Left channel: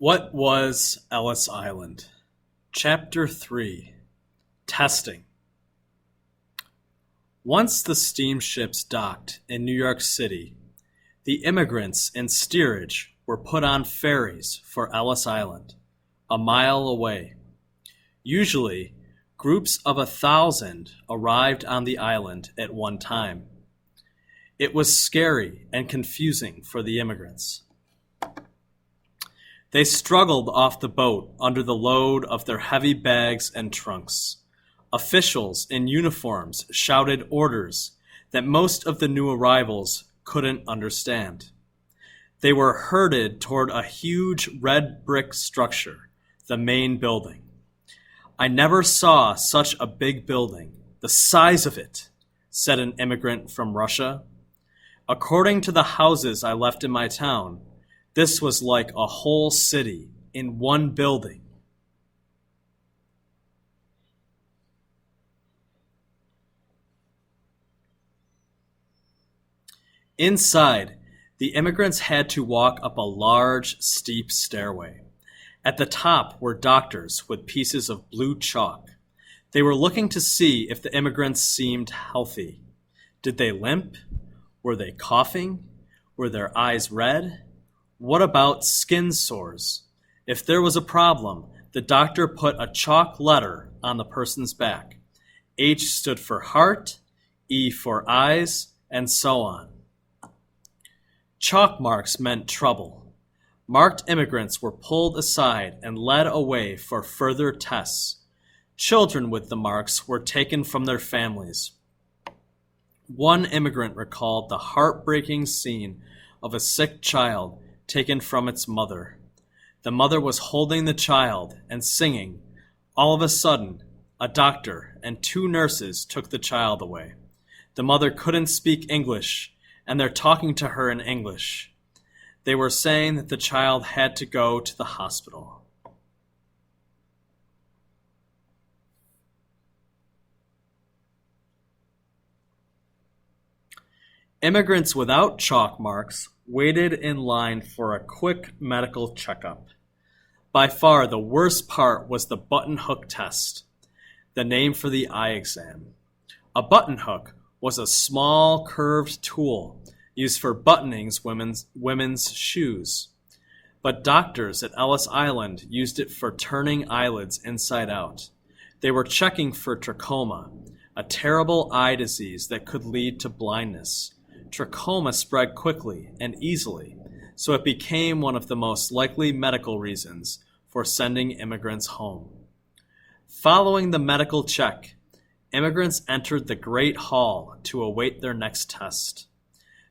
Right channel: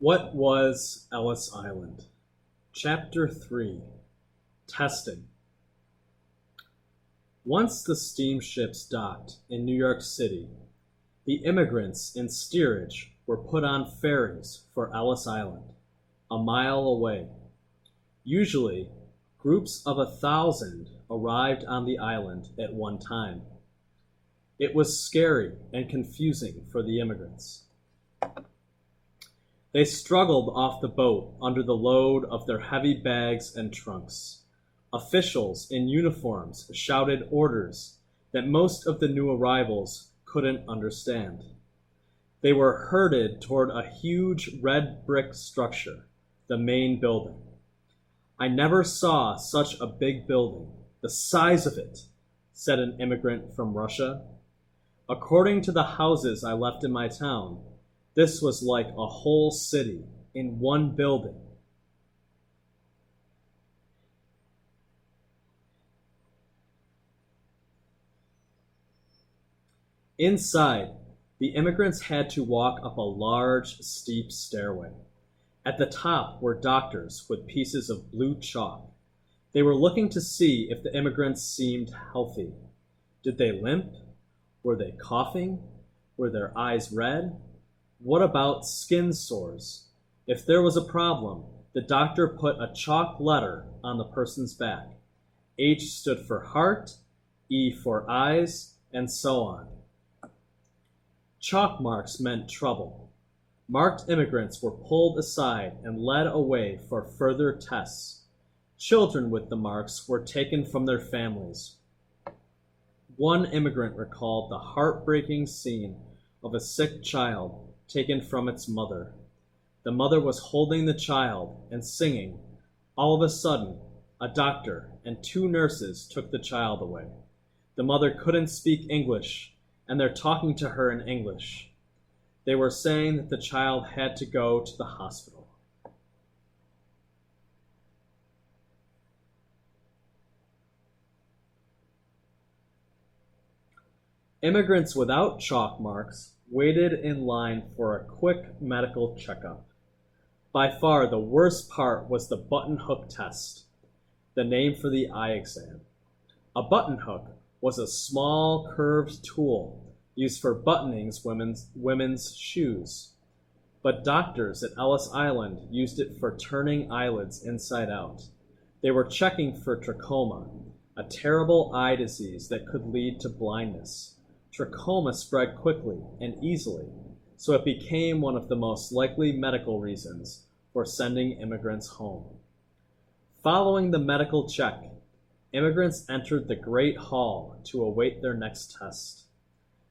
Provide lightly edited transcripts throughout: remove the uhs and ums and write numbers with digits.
What was Ellis Island? Chapter 3. Testing. Once the steamships docked in New York City, the immigrants in steerage were put on ferries for Ellis Island, a mile away. Usually, groups of 1,000 arrived on the island at one time. It was scary and confusing for the immigrants. They struggled off the boat under the load of their heavy bags and trunks. Officials in uniforms shouted orders that most of the new arrivals couldn't understand. They were herded toward a huge red brick structure, the main building. "I never saw such a big building, the size of it," said an immigrant from Russia. "According to the houses I left in my town, this was like a whole city in one building." Inside, the immigrants had to walk up a large, steep stairway. At the top were doctors with pieces of blue chalk. They were looking to see if the immigrants seemed healthy. Did they limp? Were they coughing? Were their eyes red? What about skin sores? If there was a problem, the doctor put a chalk letter on the person's back. H stood for heart, E for eyes, and so on. Chalk marks meant trouble. Marked immigrants were pulled aside and led away for further tests. Children with the marks were taken from their families. One immigrant recalled the heartbreaking scene of a sick child taken from its mother. The mother was holding the child and singing. All of a sudden, a doctor and 2 nurses took the child away. The mother couldn't speak English, and they're talking to her in English. They were saying that the child had to go to the hospital. Immigrants without chalk marks waited in line for a quick medical checkup. By far the worst part was the button hook test, the name for the eye exam. A button hook was a small curved tool used for buttoning women's shoes. But doctors at Ellis Island used it for turning eyelids inside out. They were checking for trachoma, a terrible eye disease that could lead to blindness. Trachoma spread quickly and easily, so it became one of the most likely medical reasons for sending immigrants home. Following the medical check, immigrants entered the Great Hall to await their next test.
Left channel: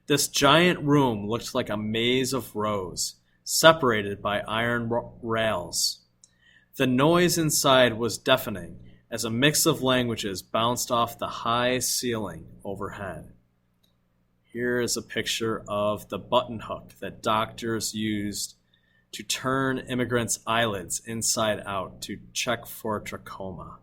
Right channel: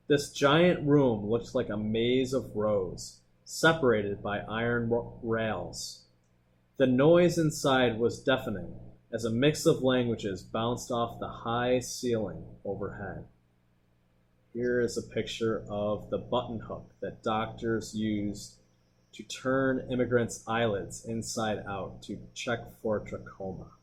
This giant room looked like a maze of rows, separated by iron rails. The noise inside was deafening as a mix of languages bounced off the high ceiling overhead. Here is a picture of the button hook that doctors used to turn immigrants' eyelids inside out to check for trachoma.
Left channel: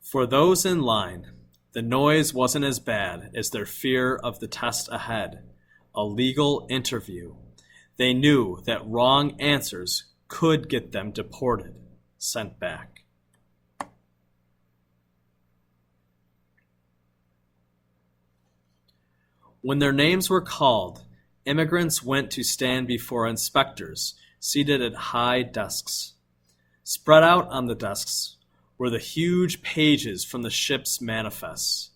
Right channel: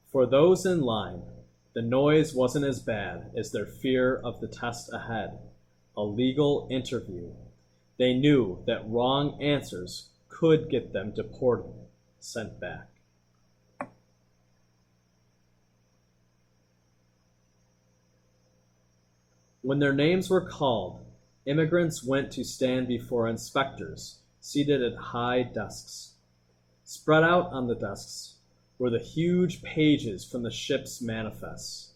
For those in line, the noise wasn't as bad as their fear of the test ahead, a legal interview. They knew that wrong answers could get them deported, sent back. When their names were called, immigrants went to stand before inspectors seated at high desks. Spread out on the desks were the huge pages from the ship's manifests.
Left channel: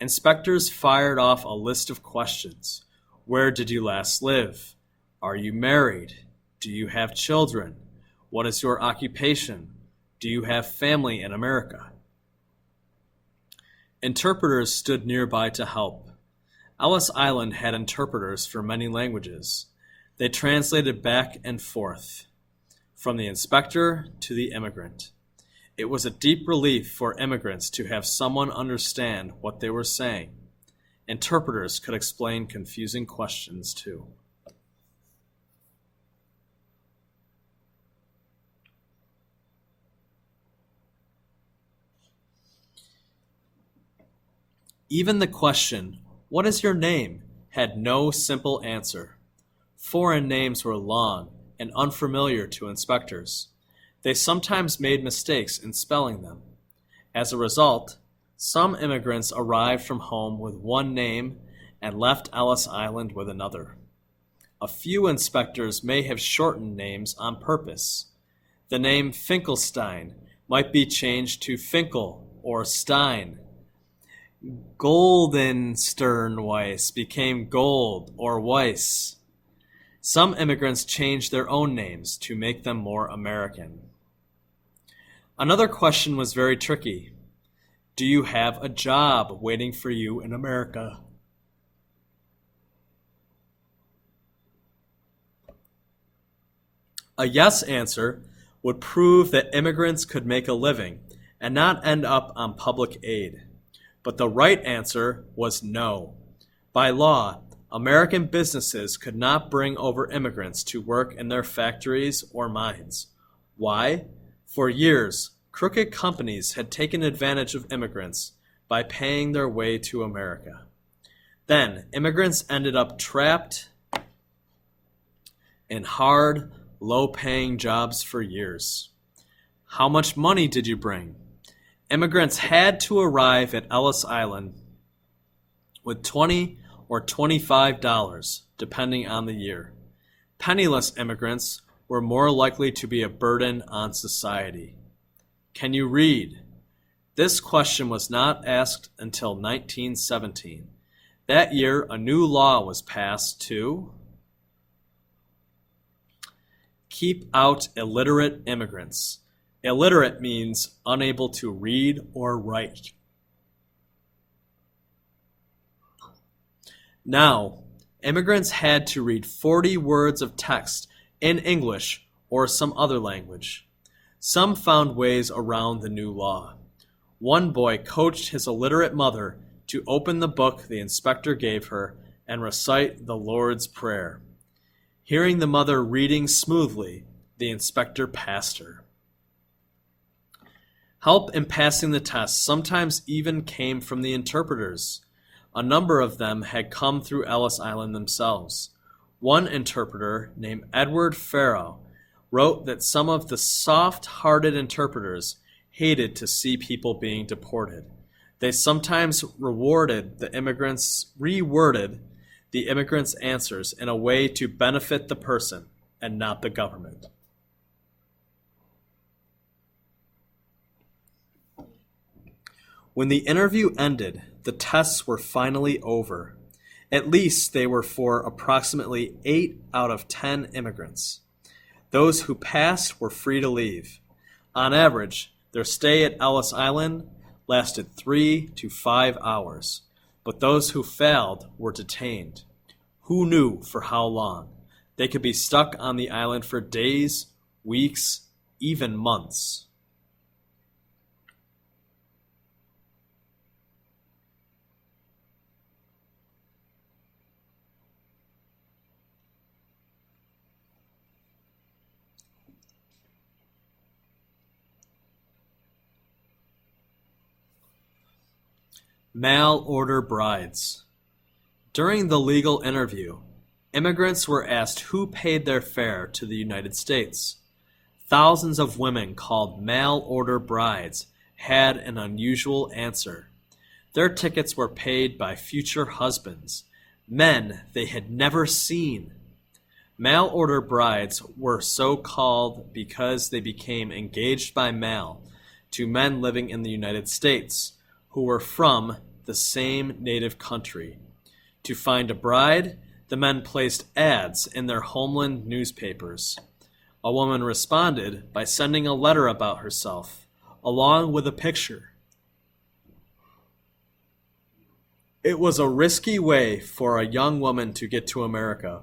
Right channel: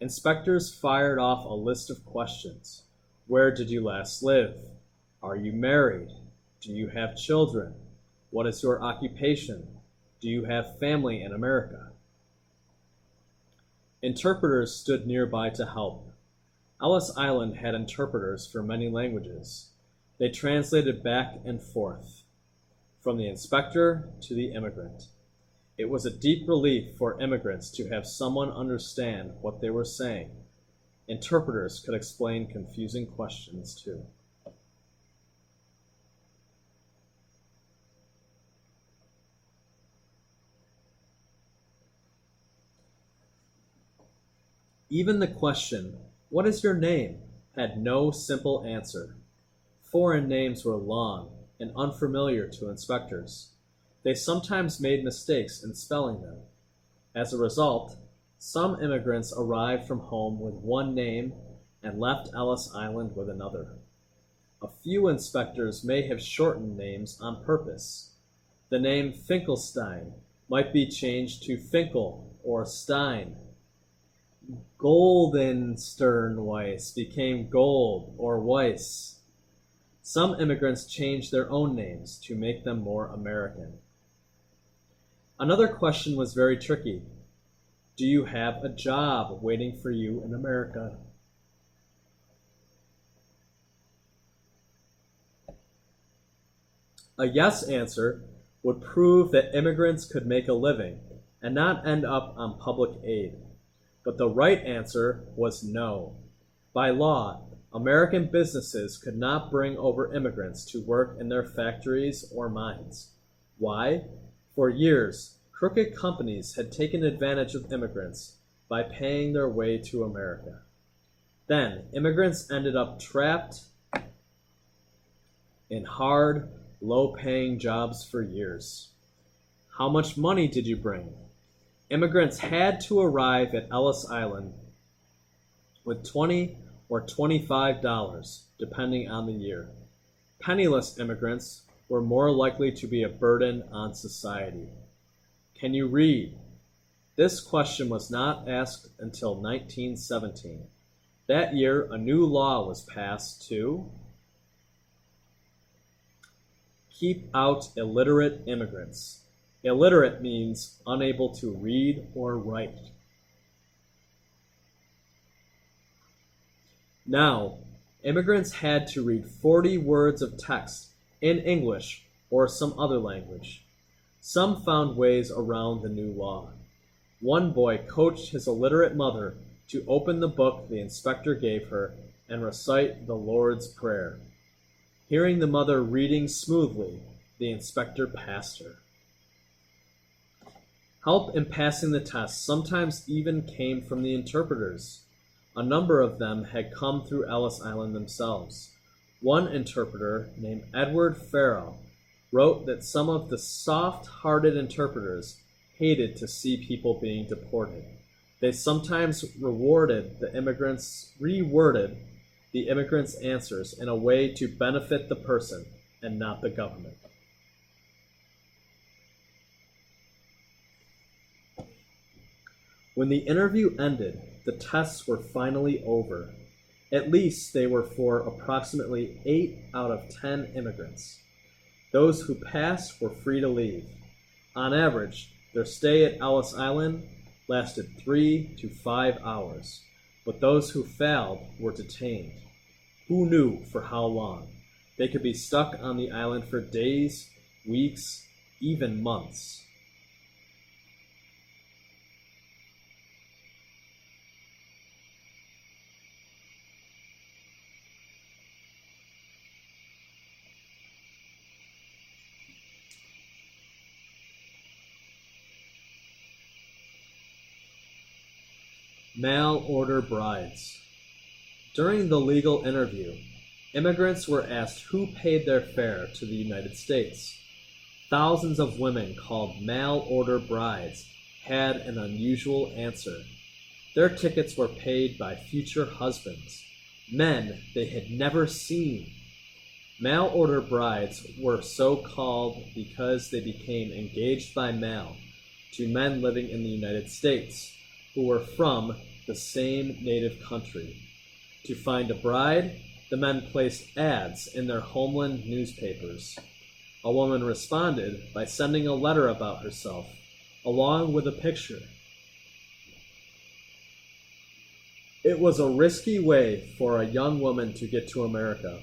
Inspectors fired off a list of questions. Where did you last live? Are you married? Do you have children? What is your occupation? Do you have family in America? Interpreters stood nearby to help. Ellis Island had interpreters for many languages. They translated back and forth, from the inspector to the immigrant. It was a deep relief for immigrants to have someone understand what they were saying. Interpreters could explain confusing questions too. Even the question, "What is your name?" had no simple answer. Foreign names were long and unfamiliar to inspectors. They sometimes made mistakes in spelling them. As a result, some immigrants arrived from home with one name and left Ellis Island with another. A few inspectors may have shortened names on purpose. The name Finkelstein might be changed to Finkel or Stein. Goldensternweiss became Gold or Weiss. Some immigrants changed their own names to make them more American. Another question was very tricky. Do you have a job waiting for you in America? A yes answer would prove that immigrants could make a living and not end up on public aid. But the right answer was no. By law, American businesses could not bring over immigrants to work in their factories or mines. Why? For years, crooked companies had taken advantage of immigrants by paying their way to America. Then, immigrants ended up trapped in hard, low-paying jobs for years. How much money did you bring? Immigrants had to arrive at Ellis Island with $20 or $25, depending on the year. Penniless immigrants were more likely to be a burden on society. Can you read? This question was not asked until 1917. That year, a new law was passed to keep out illiterate immigrants. Illiterate means unable to read or write. Now, immigrants had to read 40 words of text in English or some other language. Some found ways around the new law. One boy coached his illiterate mother to open the book the inspector gave her and recite the Lord's Prayer. Hearing the mother reading smoothly, the inspector passed her. Help in passing the test sometimes even came from the interpreters. A number of them had come through Ellis Island themselves. One interpreter, named Edward Farrow, wrote that some of the soft-hearted interpreters hated to see people being deported. They sometimes reworded the immigrants' answers in a way to benefit the person and not the government. When the interview ended, the tests were finally over. At least they were for approximately 8 out of 10 immigrants. Those who passed were free to leave. On average, their stay at Ellis Island lasted 3 to 5 hours, but those who failed were detained. Who knew for how long? They could be stuck on the island for days, weeks, even months. Mail order brides. During the legal interview, immigrants were asked who paid their fare to the United States. Thousands of women called mail order brides had an unusual answer. Their tickets were paid by future husbands, men they had never seen. Mail order brides were so called because they became engaged by mail to men living in the United States who were from the same native country. To find a bride, the men placed ads in their homeland newspapers. A woman responded by sending a letter about herself, along with a picture. It was a risky way for a young woman to get to America,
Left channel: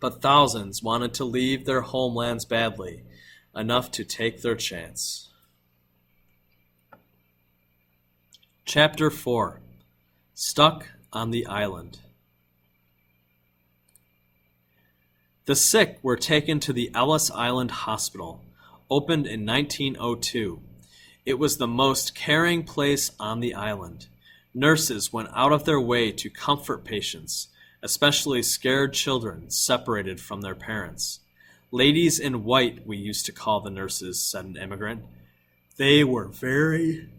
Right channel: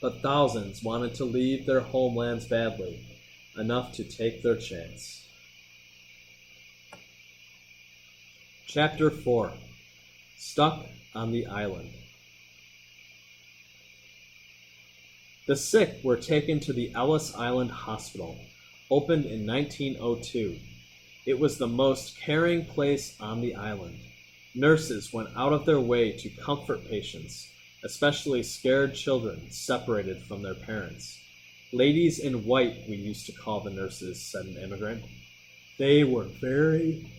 but thousands wanted to leave their homelands badly, enough to take their chance. Chapter 4. Stuck on the Island. The sick were taken to the Ellis Island Hospital, opened in 1902. It was the most caring place on the island. Nurses went out of their way to comfort patients, especially scared children separated from their parents. Ladies in white, we used to call the nurses, said an immigrant. They were very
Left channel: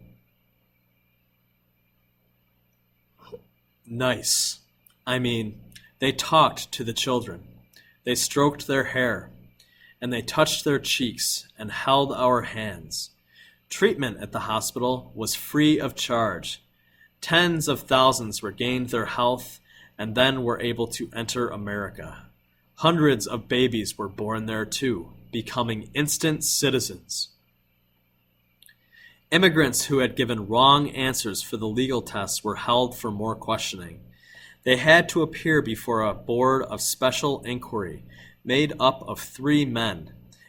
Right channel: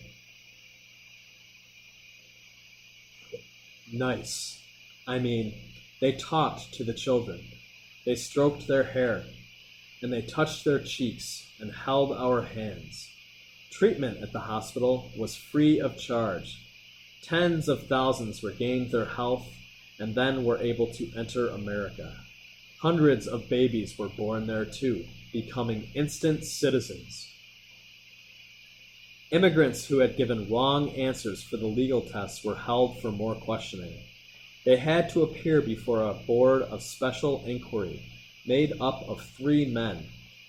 nice. I mean, they talked to the children. They stroked their hair, and they touched their cheeks and held our hands. Treatment at the hospital was free of charge. Tens of thousands regained their health and then were able to enter America. Hundreds of babies were born there too, becoming instant citizens. Immigrants who had given wrong answers for the legal tests were held for more questioning. They had to appear before a board of special inquiry made up of 3 men.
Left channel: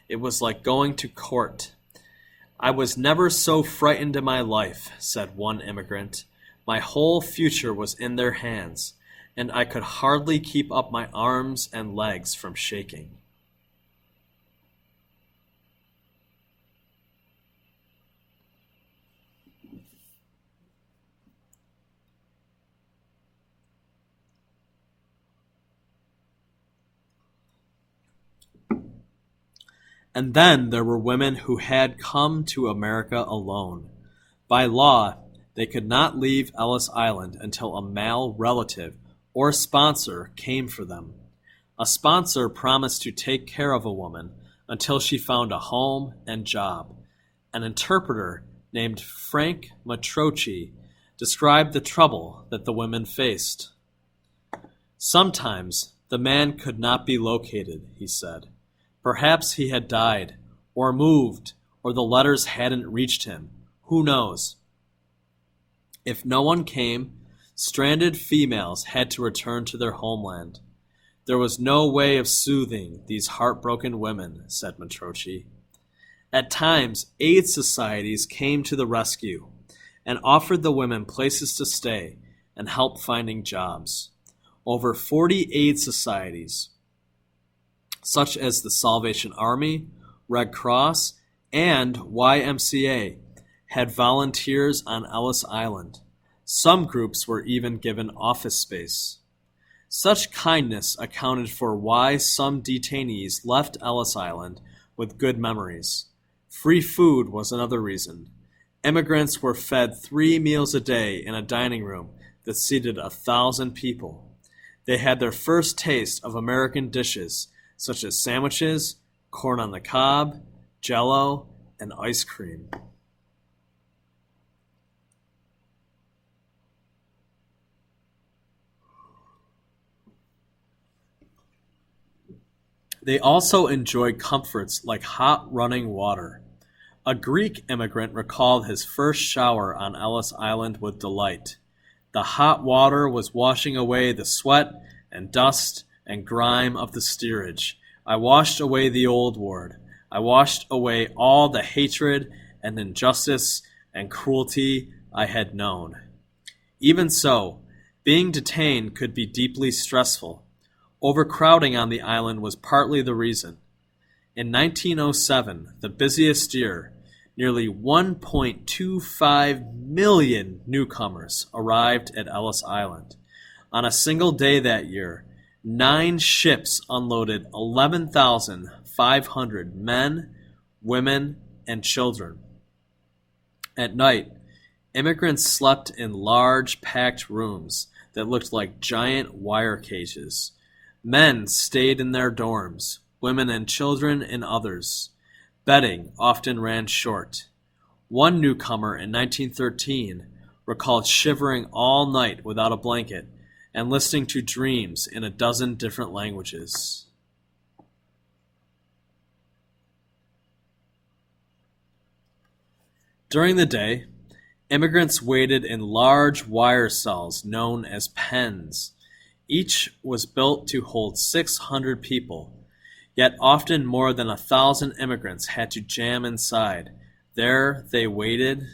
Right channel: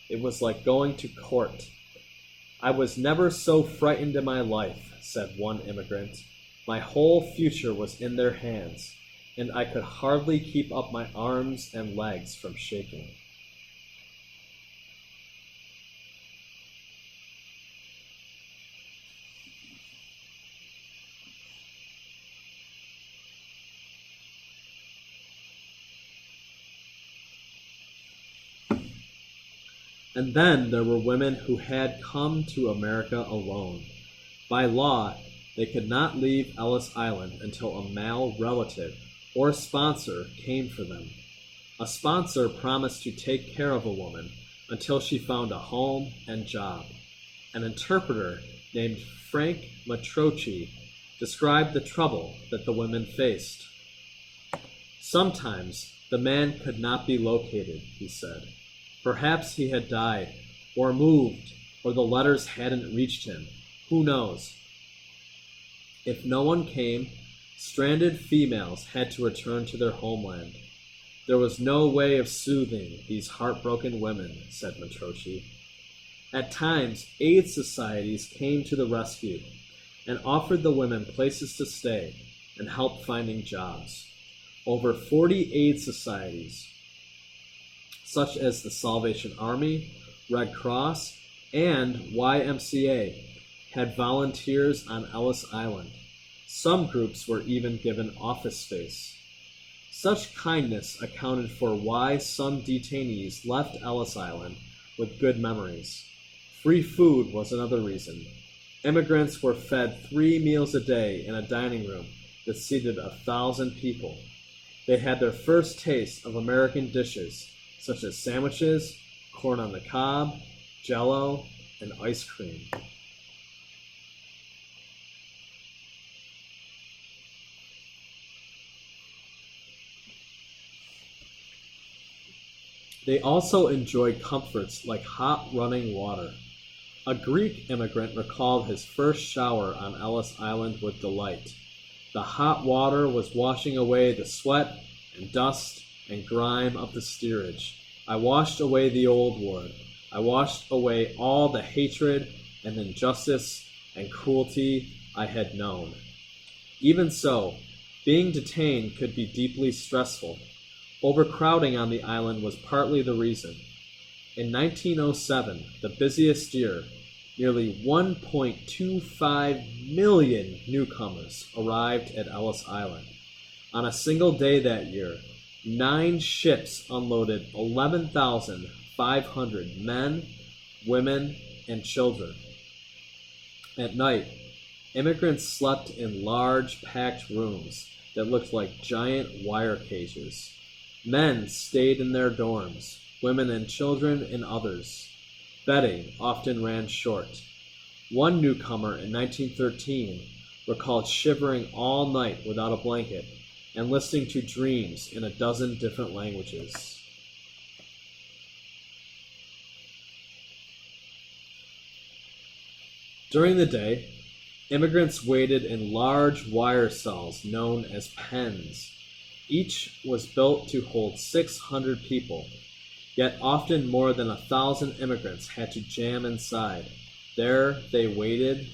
It was like going to court. I was never so frightened in my life, said one immigrant. My whole future was in their hands, and I could hardly keep up my arms and legs from shaking. And then there were women who had come to America alone. By law, they could not leave Ellis Island until a male relative or sponsor came for them. A sponsor promised to take care of a woman until she found a home and job. An interpreter named Frank Matroci described the trouble that the women faced. Sometimes the man could not be located, he said. Perhaps he had died, or moved, or the letters hadn't reached him. Who knows? If no one came, stranded females had to return to their homeland. There was no way of soothing these heartbroken women, said Matroci. At times, aid societies came to the rescue and offered the women places to stay and help finding jobs. Over 40 aid societies, such as the Salvation Army, Red Cross, and YMCA, had volunteers on Ellis Island. Some groups were even given office space. Such kindness accounted for why some detainees left Ellis Island with good memories. Free food was another reason. Immigrants were fed 3 meals a day in a dining room that seated 1,000 people. They had their first taste of American dishes, such as sandwiches, corn on the cob, Jell-O, and ice cream. They also enjoyed comforts like hot running water. A Greek immigrant recalled his first shower on Ellis Island with delight. The hot water was washing away the sweat and dust and grime of the steerage. I washed away the old ward. I washed away all the hatred and injustice and cruelty I had known. Even so, being detained could be deeply stressful. Overcrowding on the island was partly the reason. In 1907, the busiest year, nearly 1.25 million newcomers arrived at Ellis Island. On a single day that year, 9 ships unloaded 11,500 men, women, and children. At night, immigrants slept in large, packed rooms that looked like giant wire cages. Men stayed in their dorms, women and children in others. Bedding often ran short. One newcomer in 1913 recalled shivering all night without a blanket and listening to dreams in a dozen different languages. During the day, immigrants waited in large wire cells known as pens. Each was built to hold 600 people, yet often more than 1,000 immigrants had to jam inside. There they waited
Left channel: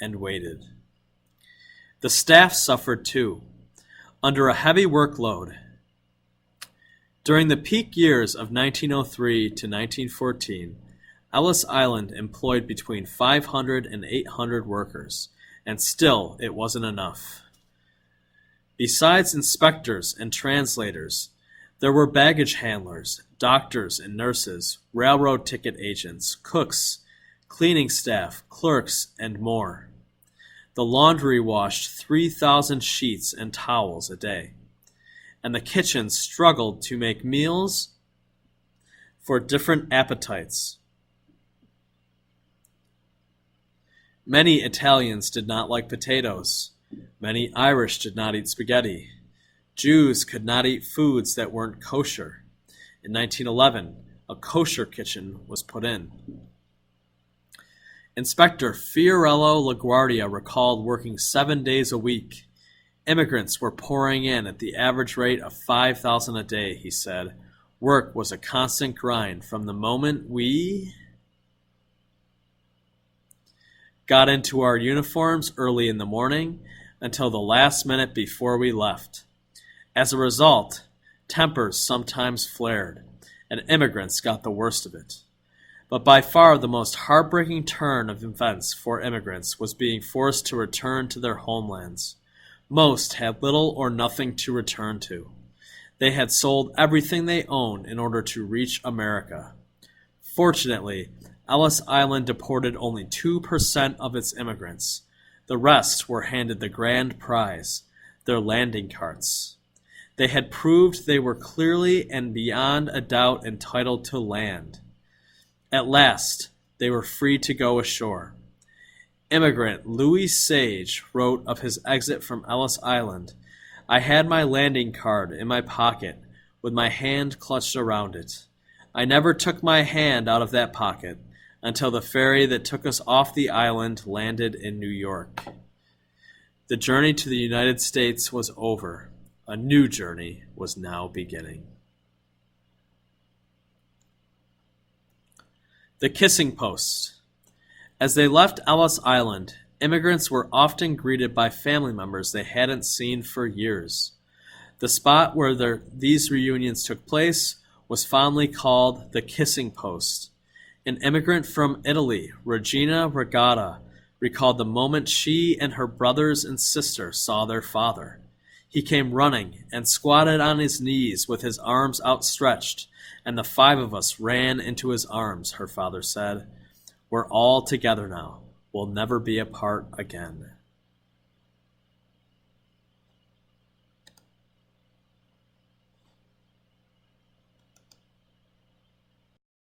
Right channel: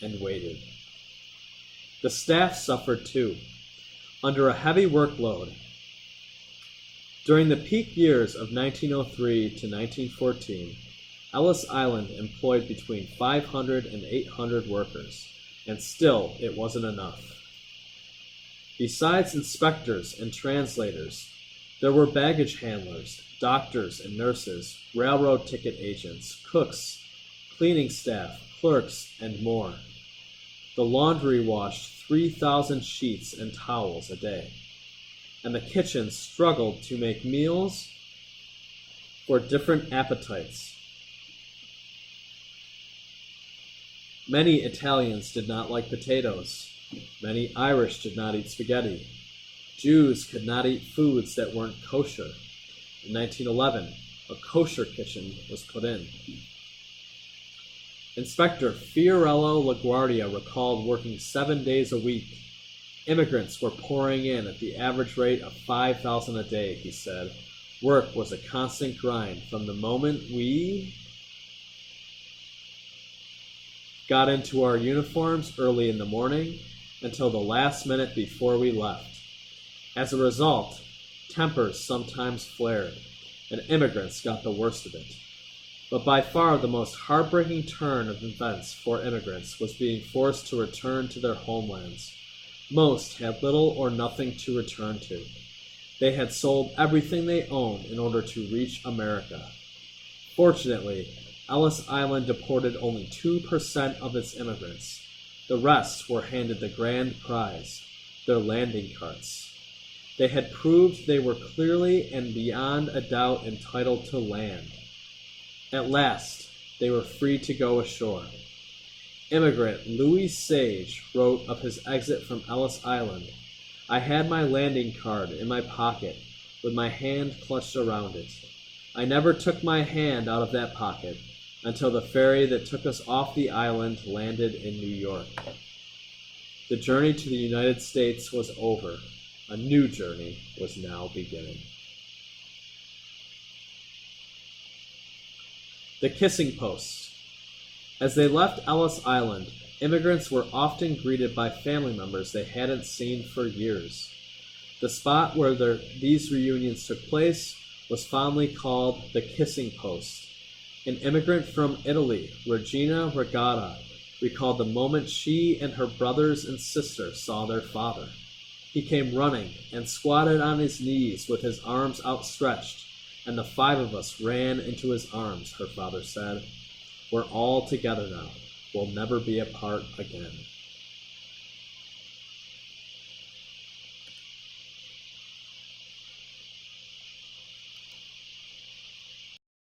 and waited. The staff suffered too, under a heavy workload. During the peak years of 1903 to 1914, Ellis Island employed between 500 and 800 workers, and still it wasn't enough. Besides inspectors and translators, there were baggage handlers, doctors and nurses, railroad ticket agents, cooks, cleaning staff, clerks, and more. The laundry washed 3,000 sheets and towels a day, and the kitchen struggled to make meals for different appetites. Many Italians did not like potatoes. Many Irish did not eat spaghetti. Jews could not eat foods that weren't kosher. In 1911, a kosher kitchen was put in. Inspector Fiorello LaGuardia recalled working 7 days a week. Immigrants were pouring in at the average rate of 5,000 a day, he said. Work was a constant grind from the moment we got into our uniforms early in the morning until the last minute before we left. As a result, tempers sometimes flared, and immigrants got the worst of it. But by far the most heartbreaking turn of events for immigrants was being forced to return to their homelands. Most had little or nothing to return to. They had sold everything they owned in order to reach America. Fortunately, Ellis Island deported only 2% of its immigrants. The rest were handed the grand prize, their landing carts. They had proved they were clearly and beyond a doubt entitled to land. At last, they were free to go ashore. Immigrant Louis Sage wrote of his exit from Ellis Island, "I had my landing card in my pocket, with my hand clutched around it. I never took my hand out of that pocket until the ferry that took us off the island landed in New York." The journey to the United States was over. A new journey was now beginning. The Kissing Post. As they left Ellis Island, immigrants were often greeted by family members they hadn't seen for years. The spot where these reunions took place was fondly called the Kissing Post. An immigrant from Italy, Regina Regatta, recalled the moment she and her brothers and sister saw their father. He came running and squatted on his knees with his arms outstretched, and the 5 of us ran into his arms, her father said. "We're all together now. We'll never be apart again."